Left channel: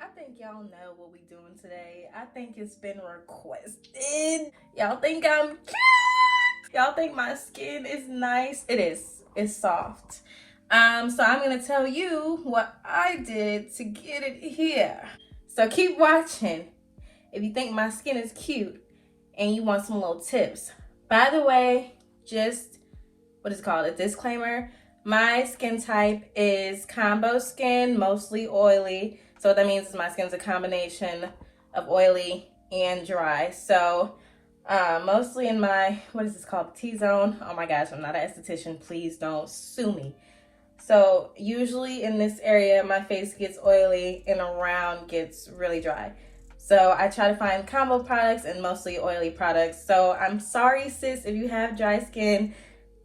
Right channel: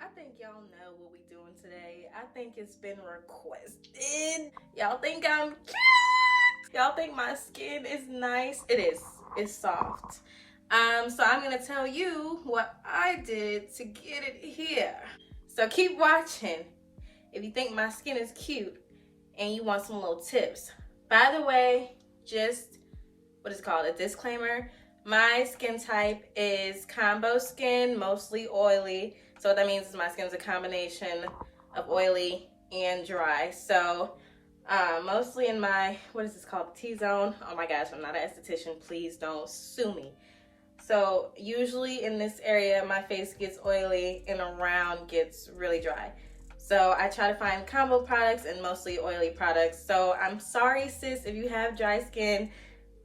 I think y'all know what we doing today. I think it's been requested. Y'all think I'm cute? Y'all think my skin is nice? It is. It's soft. So I'm gonna tell you what I did to get it here. So keep watching if you think my skin is cute and you want some little tips. By the way, just what is it called? A disclaimer. My skin type is combo skin, mostly oily. So what that means is my skin's a combination of oily and dry. So mostly in my, what is this called? T-zone. Oh my gosh, I'm not an esthetician. Please don't sue me. So usually in this area, my face gets oily and around gets really dry. So I try to find combo products and mostly oily products. So I'm sorry, sis, if you have dry skin,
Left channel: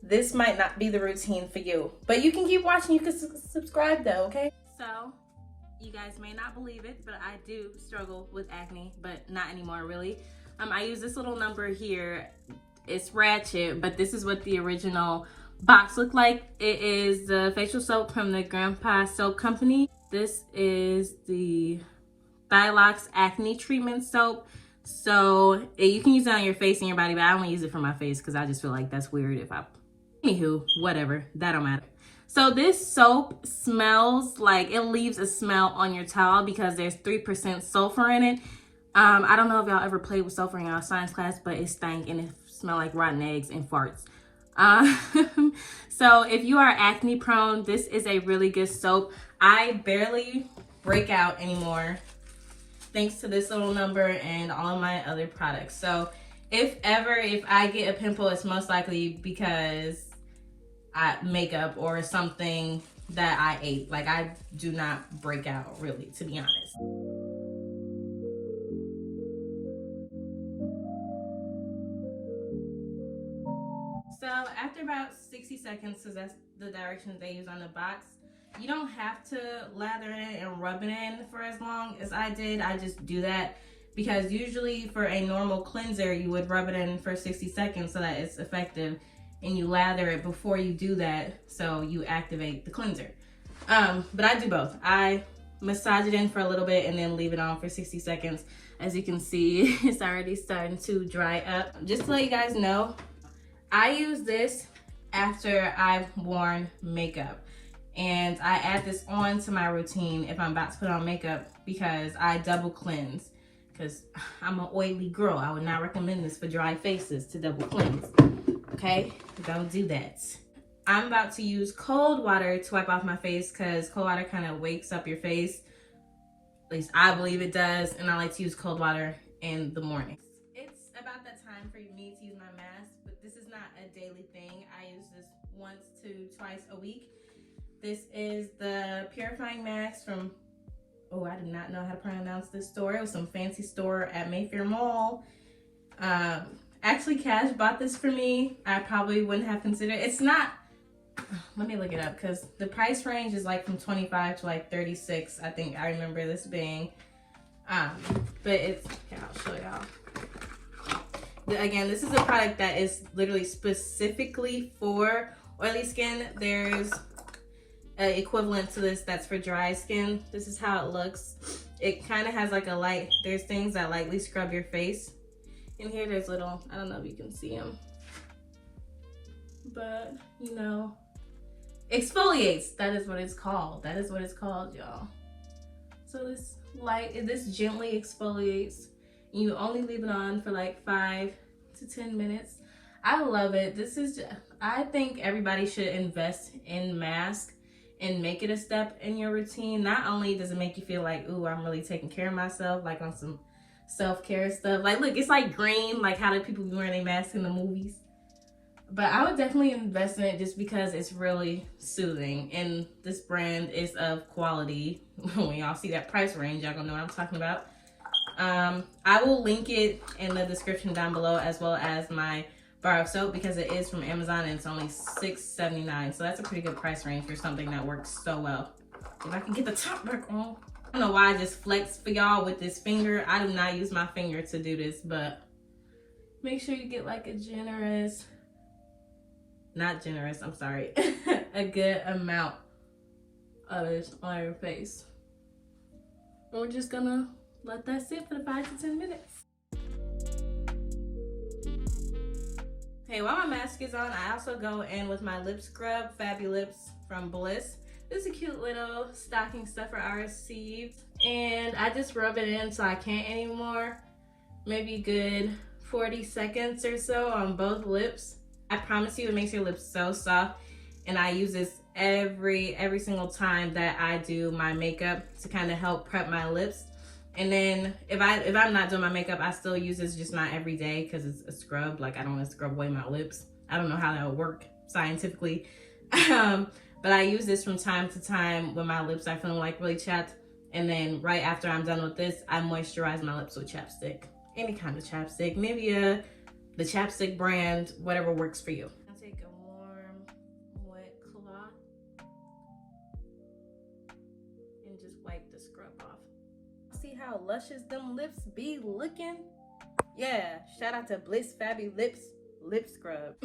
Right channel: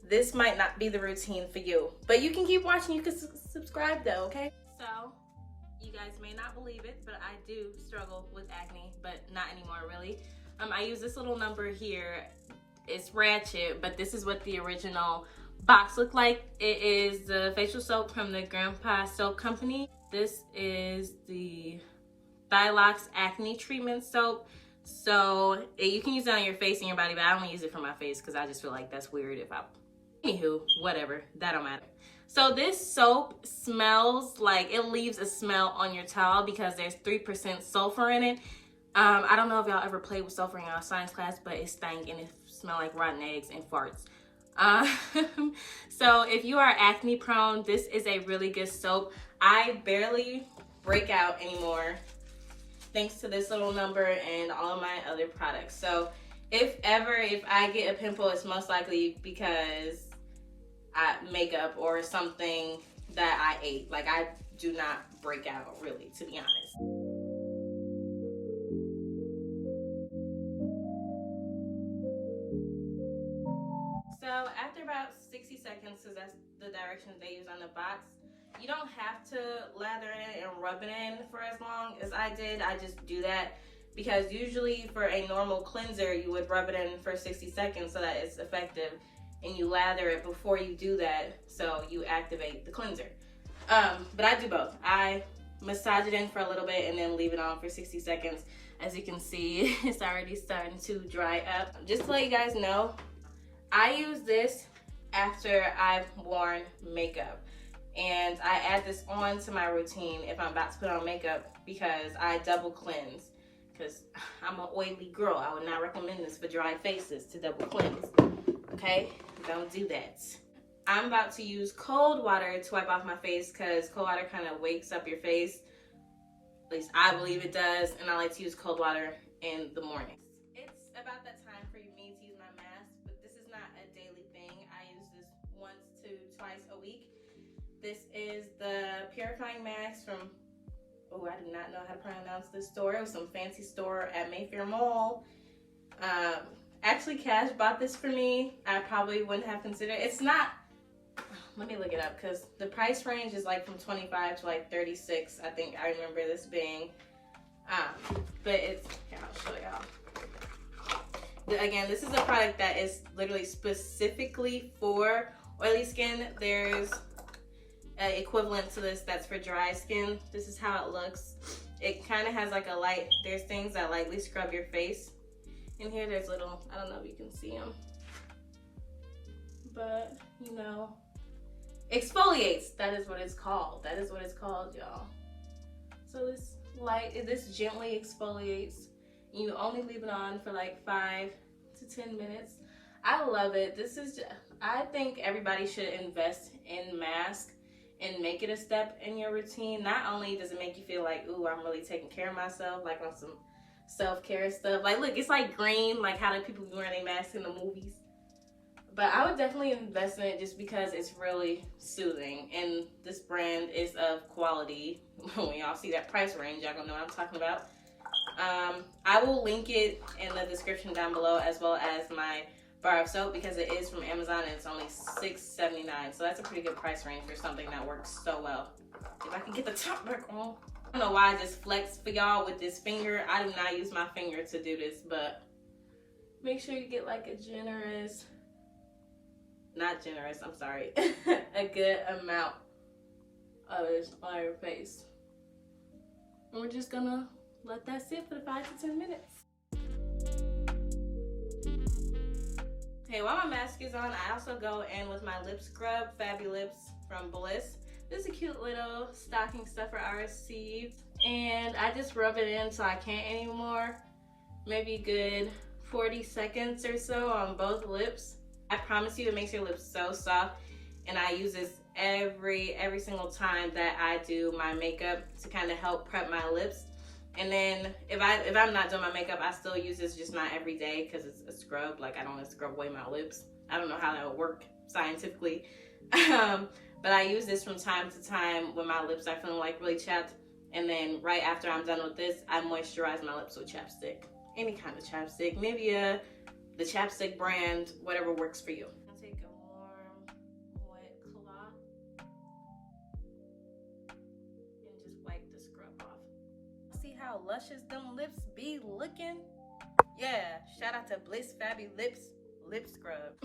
this might not be the routine for you. But you can keep watching. You can subscribe though, okay? So you guys may not believe it, but I do struggle with acne, but not anymore really. I use this little number here. It's ratchet, but this is what the original box looked like. It is the facial soap from the Grandpa Soap Company. This is the Thilox Acne Treatment Soap. So you can use it on your face and your body, but I only use it for my face because I just feel like that's weird if I... Anywho, whatever, that don't matter. So this soap smells like, it leaves a smell on your towel because there's 3% sulfur in it. I don't know if y'all ever played with sulfur in y'all science class, but it stank and it smelled like rotten eggs and farts. So if you are acne prone, this is a really good soap. I barely break out anymore thanks to this little number and all of my other products. So if I get a pimple, it's most likely because makeup or something that I ate. Like, I do not break out really, to be honest. So after about 60 seconds, because that's the directions they use on the box, you don't have to lather it and rub it in for as long as I did. I just do that because usually for a normal cleanser, you would rub it in for 60 seconds so that it's effective, and you lather it before you do that so you activate the cleanser. But I do both. I massage it in for a little bit and then leave it on for 60 seconds. As you can see, it's already starting to dry up. Just to let you guys know, I use this after I've worn makeup. And I add this on to my routine if I'm about to put on makeup because I double cleanse. Because I'm an oily girl. I would not recommend this for dry faces to double cleanse. Okay? Don't do that. I'm about to use cold water to wipe off my face because cold water kind of wakes up your face. At least I believe it does. And I like to use cold water in the morning. It's about that time for me to use my mask, but this is not a daily thing. I use this once to twice a week. This is the Purifying mask from, oh, I do not know how to pronounce this store. It was some fancy store at Mayfair Mall. Actually, Cash bought this for me. I probably wouldn't have considered it. It's not, let me look it up because the price range is like from 25 to like 36. I think I remember this being. But it's, here, I'll show y'all. Again, this is a product that is literally specifically for oily skin. There's an equivalent to this that's for dry skin. This is how it looks. It kind of has like a light, there's things that lightly scrub your face. In here there's little, I don't know if you can see them, but you know, exfoliates. That is what it's called. That is what it's called, y'all. So this gently exfoliates. You only leave it on for like 5 to 10 minutes. I love it. This is just, I think everybody should invest in masks and make it a step in your routine. Not only does it make you feel like, ooh, I'm really taking care of myself, like on some self-care stuff. Like, look, it's like green, like how do people be wearing their masks in the movies? But I would definitely invest in it just because it's really soothing. And this brand is of quality. When y'all see that price range, y'all gonna know what I'm talking about. I will link it in the description down below, as well as my bar of soap, because it is from Amazon and it's only $6.79. So that's a pretty good price range for something that works so well. If I can get the top back on. I don't know why I just flexed for y'all with this finger. I do not use my finger to do this, but make sure you get like a generous, not generous, I'm sorry, a good amount of this on your face. And we're just gonna let that sit for 5 to 10 minutes. Okay, while my mask is on, I also go in with my Lib Scrub Fabulips from Bliss. This is a cute little stocking stuffer I received. And I just rub it in so I can't anymore. Maybe a good 40 seconds or so on both lips. I promise you it makes your lips so soft. And I use this every single time that I do my makeup to kind of help prep my lips. And then if I'm not doing my makeup, I still use this, just not every day because it's a scrub. Like, I don't want to scrub away my lips. I don't know how that would work scientifically. But I use this from time to time when my lips are feeling like really chapped. And then right after I'm done with this, I moisturize my lips with chapstick. Any kind of chapstick, maybe the chapstick brand, whatever works for you. I'll take a warm, wet cloth and just wipe the scrub off. See how luscious them lips be looking? Yeah, shout out to Bliss Fabulips Lip Scrub.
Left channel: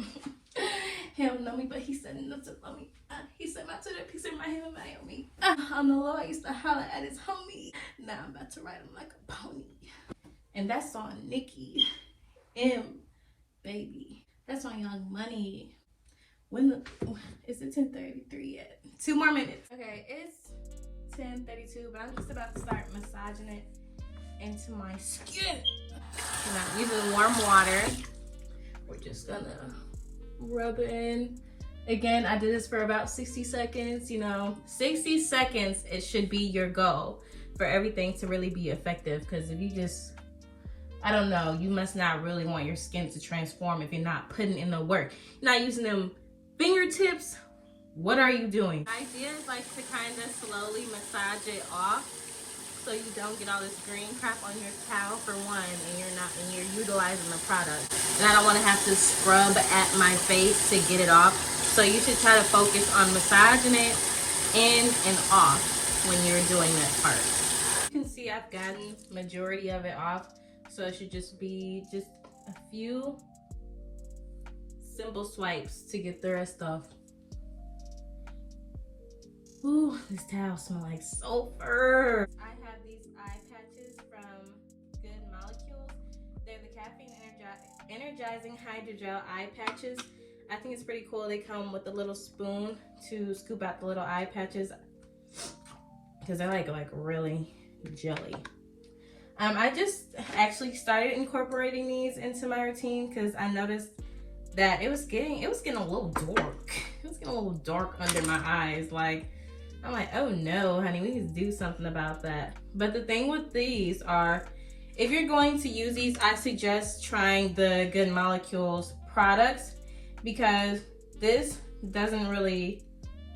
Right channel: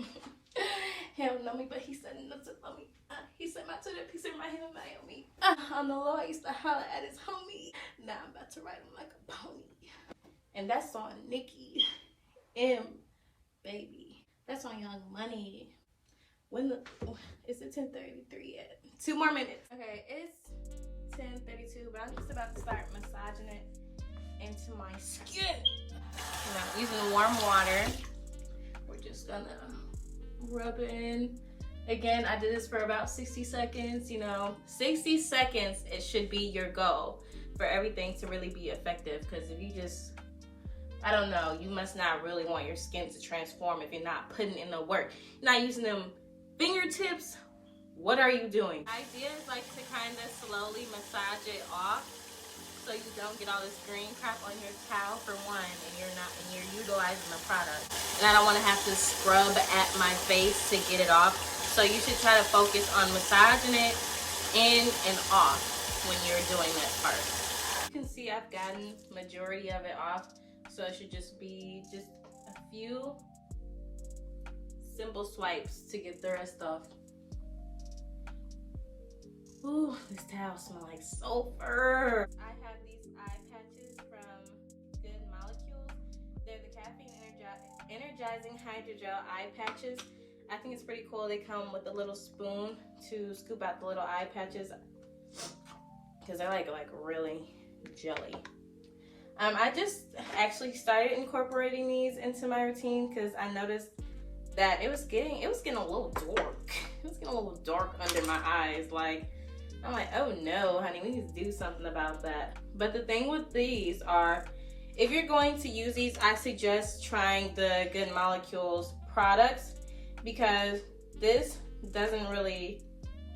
He don't know me, but he said nothing about me. He said my Twitter piece in my head about me. On the low, I used to holler at his homie. Now I'm about to ride him like a pony. And that's on Nicki M, baby. That's on Young Money. Is it 10:33 yet? 2 more minutes. Okay, it's 10:32, but I'm just about to start massaging it into my skin. And I'm using warm water. We're just gonna rub it in. Again, I did this for about 60 seconds. You know, 60 seconds, it should be your goal for everything to really be effective. Because if you just, I don't know, you must not really want your skin to transform if you're not putting in the work. You're not using them fingertips. What are you doing? The idea is like to kind of slowly massage it off so you don't get all this green crap on your towel for one, and you're utilizing the product. And I don't want to have to scrub at my face to get it off. So you should try to focus on massaging it in and off when you're doing that part. You can see I've gotten majority of it off, so it should just be just a few simple swipes to get the rest off. Ooh, this towel smells like sulfur. I have these eye patches from Good Molecules. They're the caffeine energizing hydrogel eye patches. I think it's pretty cool. They come with a little spoon to scoop out the little eye patches because they're like really jelly. I just actually started incorporating these into my routine because I noticed that it was getting a little dark. It was getting a little dark under my eyes. Like, I'm like, oh no, honey, we need to do something about that. But the thing with these are, if you're going to use these, I suggest trying the Good Molecules products because this doesn't really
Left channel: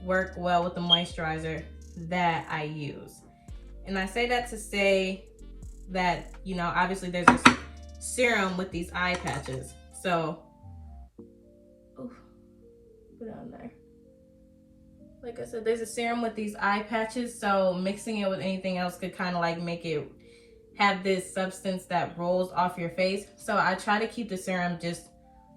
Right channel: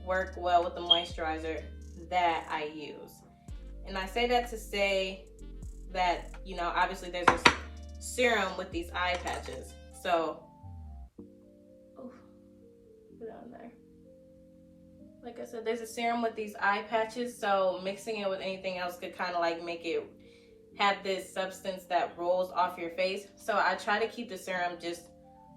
work well with the moisturizer that I use. And I say that to say that, you know, obviously there's this serum with these eye patches. So, oof, put it on there. Like I said, there's a serum with these eye patches, so mixing it with anything else could kind of like make it have this substance that rolls off your face. So I try to keep the serum just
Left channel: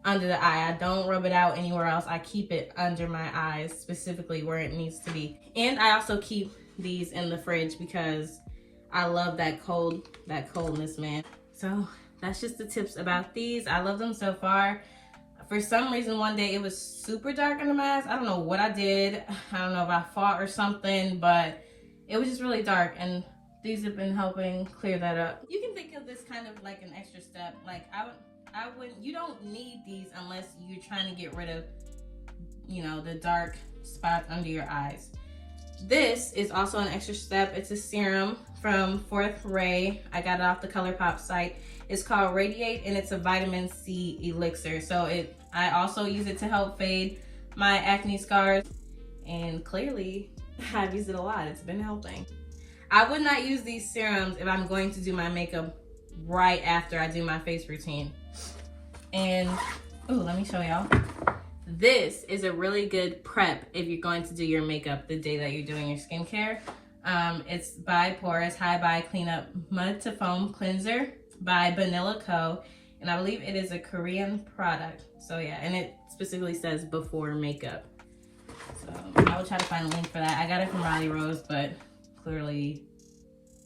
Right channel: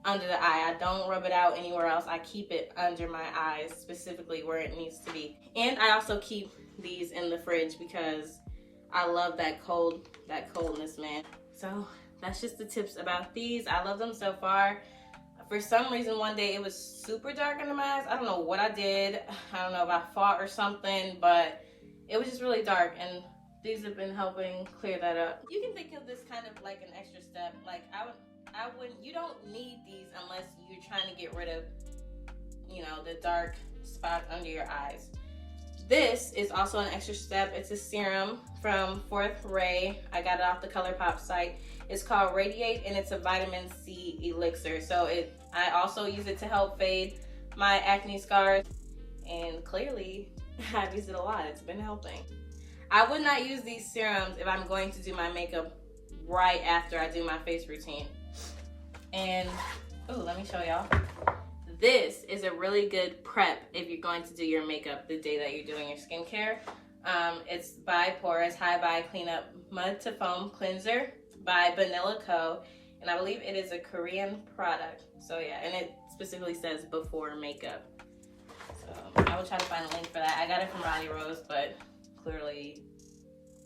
under the eye. I don't rub it out anywhere else. I keep it under my eyes, specifically where it needs to be. And I also keep these in the fridge because I love that coldness, man. So that's just the tips about these. I love them so far. For some reason, one day it was super dark under my eyes. I don't know what I did. I don't know if I fought or something, but it was just really dark, and these have been helping clear that up. You can think of this kind of like an extra step. Like you don't need these unless you're trying to get rid of, you know, the dark spots under your eyes. This is also an extra step. It's a serum from Fourth Ray. I got it off the ColourPop site. It's called Radiate, and it's a vitamin C elixir. So I also use it to help fade my acne scars, and clearly I've used it a lot. It's been helping. I would not use these serums if I'm going to do my makeup right after I do my face routine. And oh, let me show y'all. This is a really good prep if you're going to do your makeup the day that you're doing your skincare. It's by Porous High Bye Cleanup Mud to Foam Cleanser by Vanilla Co. And I believe it is a Korean product. So yeah, and it specifically says before makeup. So I will try to find a link for that. I got it from Riley Rose, but clearly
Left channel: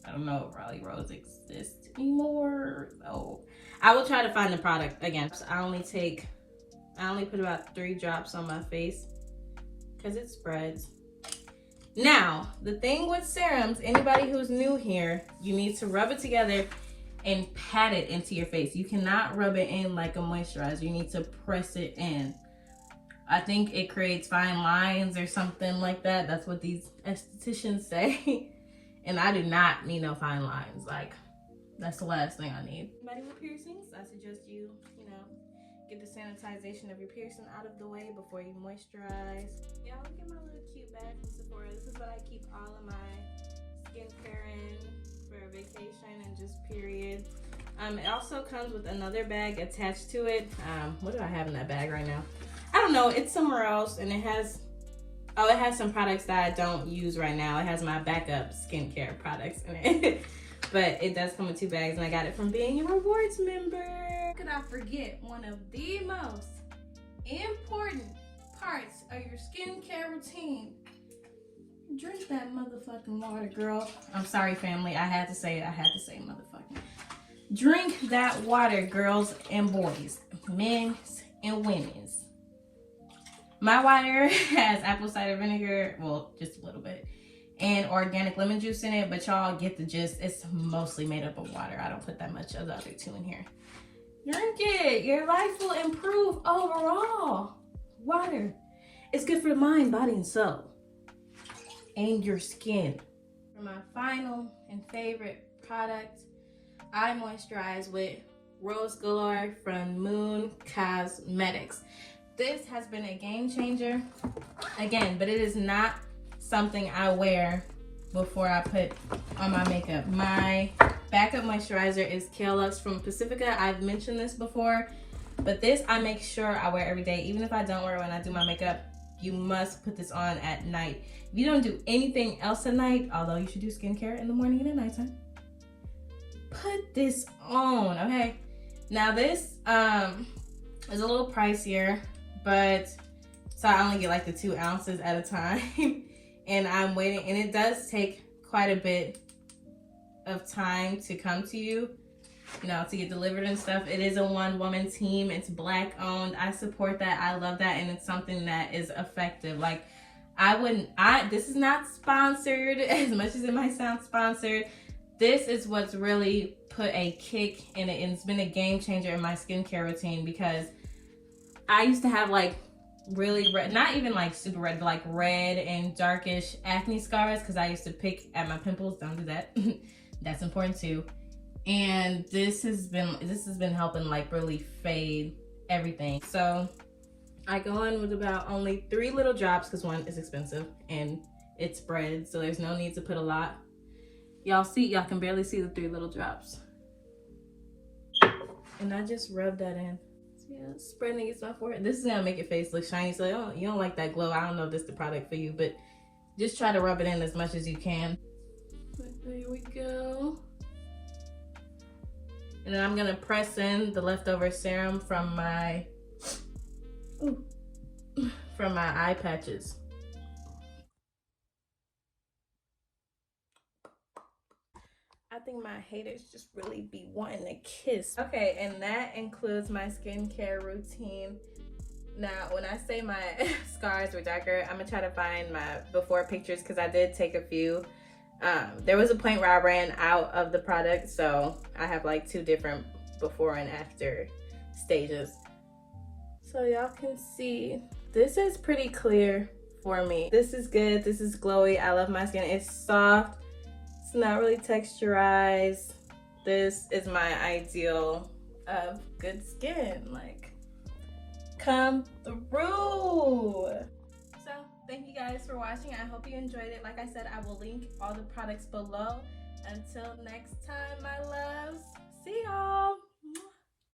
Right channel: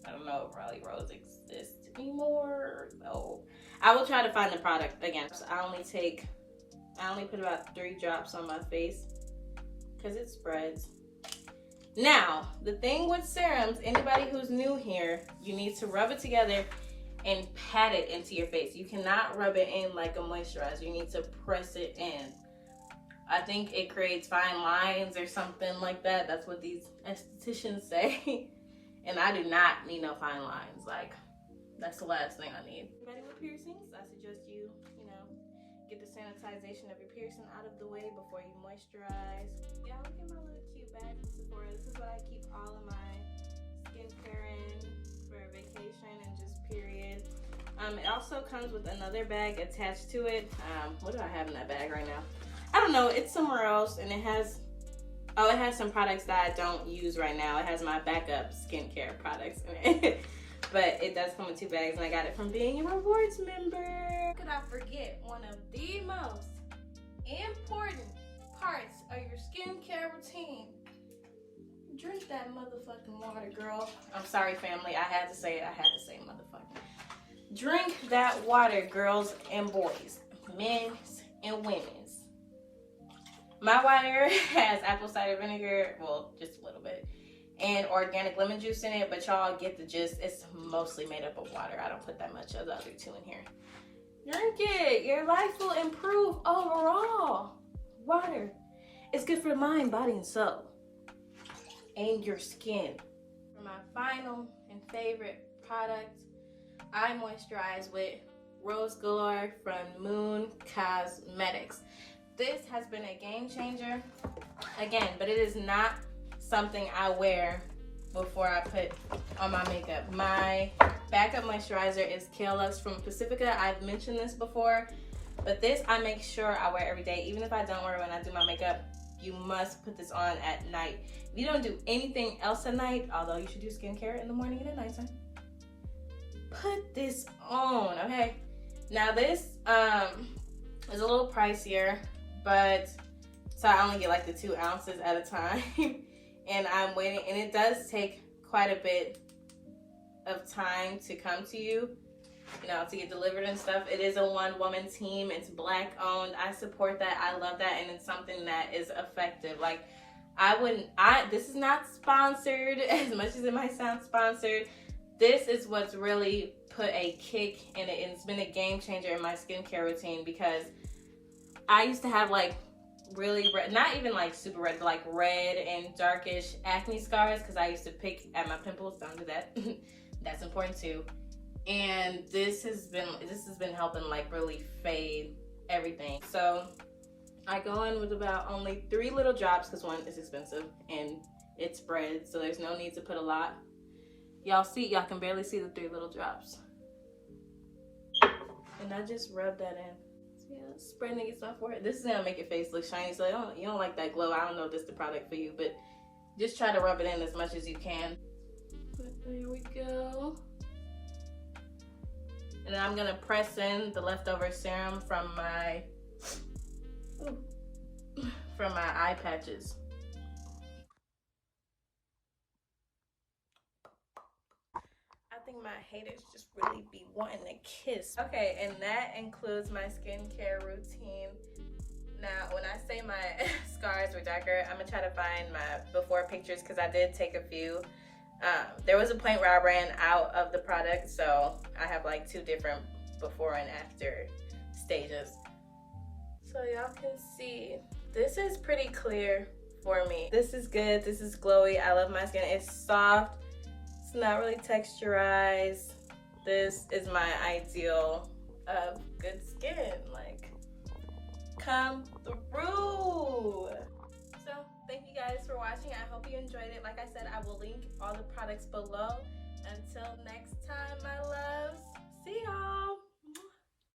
I don't know if Raleigh Rose exists anymore. So I will try to find the product again. I only put about 3 drops on my face because it spreads. Now, the thing with serums, anybody who's new here, you need to rub it together and pat it into your face. You cannot rub it in like a moisturizer. You need to press it in. I think it creates fine lines or something like that. That's what these estheticians say. And I do not need no fine lines. Like, that's the last thing I need. Anybody with piercings, I suggest you get the sanitization of your piercing out of the way before you moisturize. Yeah, look at my little cute bag from Sephora. This is what I keep all of my skincare in for vacation and just period. It also comes with another bag attached to it. What do I have in that bag right now? I don't know, it's somewhere else, and it has some products that I don't use right now. It has my backup skincare products in it. But it does come in 2 bags, and I got it from being a rewards member. Could I forget one of the most important parts of your skincare routine? Drink that motherfucking water, girl. I'm sorry, family. I had to say it. I had to say motherfucking. Drink that water, girls and boys, men's and women's. My water has apple cider vinegar, well, just a little bit, and organic lemon juice in it, but y'all get the gist. It's mostly made up of water. I don't put that much of the other 2 in here. Drink it. Your life will improve overall. Water. It's good for the mind, body, and soul. And your skin. For my final and favorite product, I moisturize with Rose Galore from Moon Cosmetics. This has been a game changer, again, but it is not something I wear before I put on my makeup. My backup moisturizer is Kale Luxe from Pacifica. I've mentioned this before, but this I make sure I wear every day. Even if I don't wear it when I do my makeup, you must put this on at night. If you don't do anything else at night, although you should do skincare in the morning and at nighttime, put this on, okay? Now this is a little pricier, but so I only get like the 2 ounces at a time. And I'm waiting, and it does take quite a bit of time to come to you, to get delivered and stuff. It is a 1-woman team. It's Black owned. I support that. I love that, and it's something that is effective. Like, this is not sponsored as much as it might sound sponsored. This is what's really put a kick in it, and it's been a game changer in my skincare routine, because I used to have like really red, not even like super red, but like red and darkish acne scars because I used to pick at my pimples. Don't do that. That's important too. And this has been helping like really fade everything. So I go in with about only 3 little drops because 1 is expensive and it spreads, so there's no need to put a lot. Y'all can barely see the 3 little drops. And I just rub that in. Spreading against my forehead. This is gonna make your face look shiny. So you don't like that glow. I don't know if this is the product for you, but just try to rub it in as much as you can. There we go. And then I'm gonna press in the leftover serum from my eye patches. I think my haters just really be wanting to kiss. Okay, and that includes my skincare routine. Now, when I say my scars were darker, I'm gonna try to find my before pictures because I did take a few. There was a point where I ran out of the product, so I have like 2 different before and after stages. So y'all can see, this is pretty clear for me. This is good, this is glowy. I love my skin, it's soft. It's not really texturized. This is my ideal of good skin. Like, come through. So thank you guys for watching. I hope you enjoyed it. Like I said, I will link all the products below. Until next time, my loves. See y'all.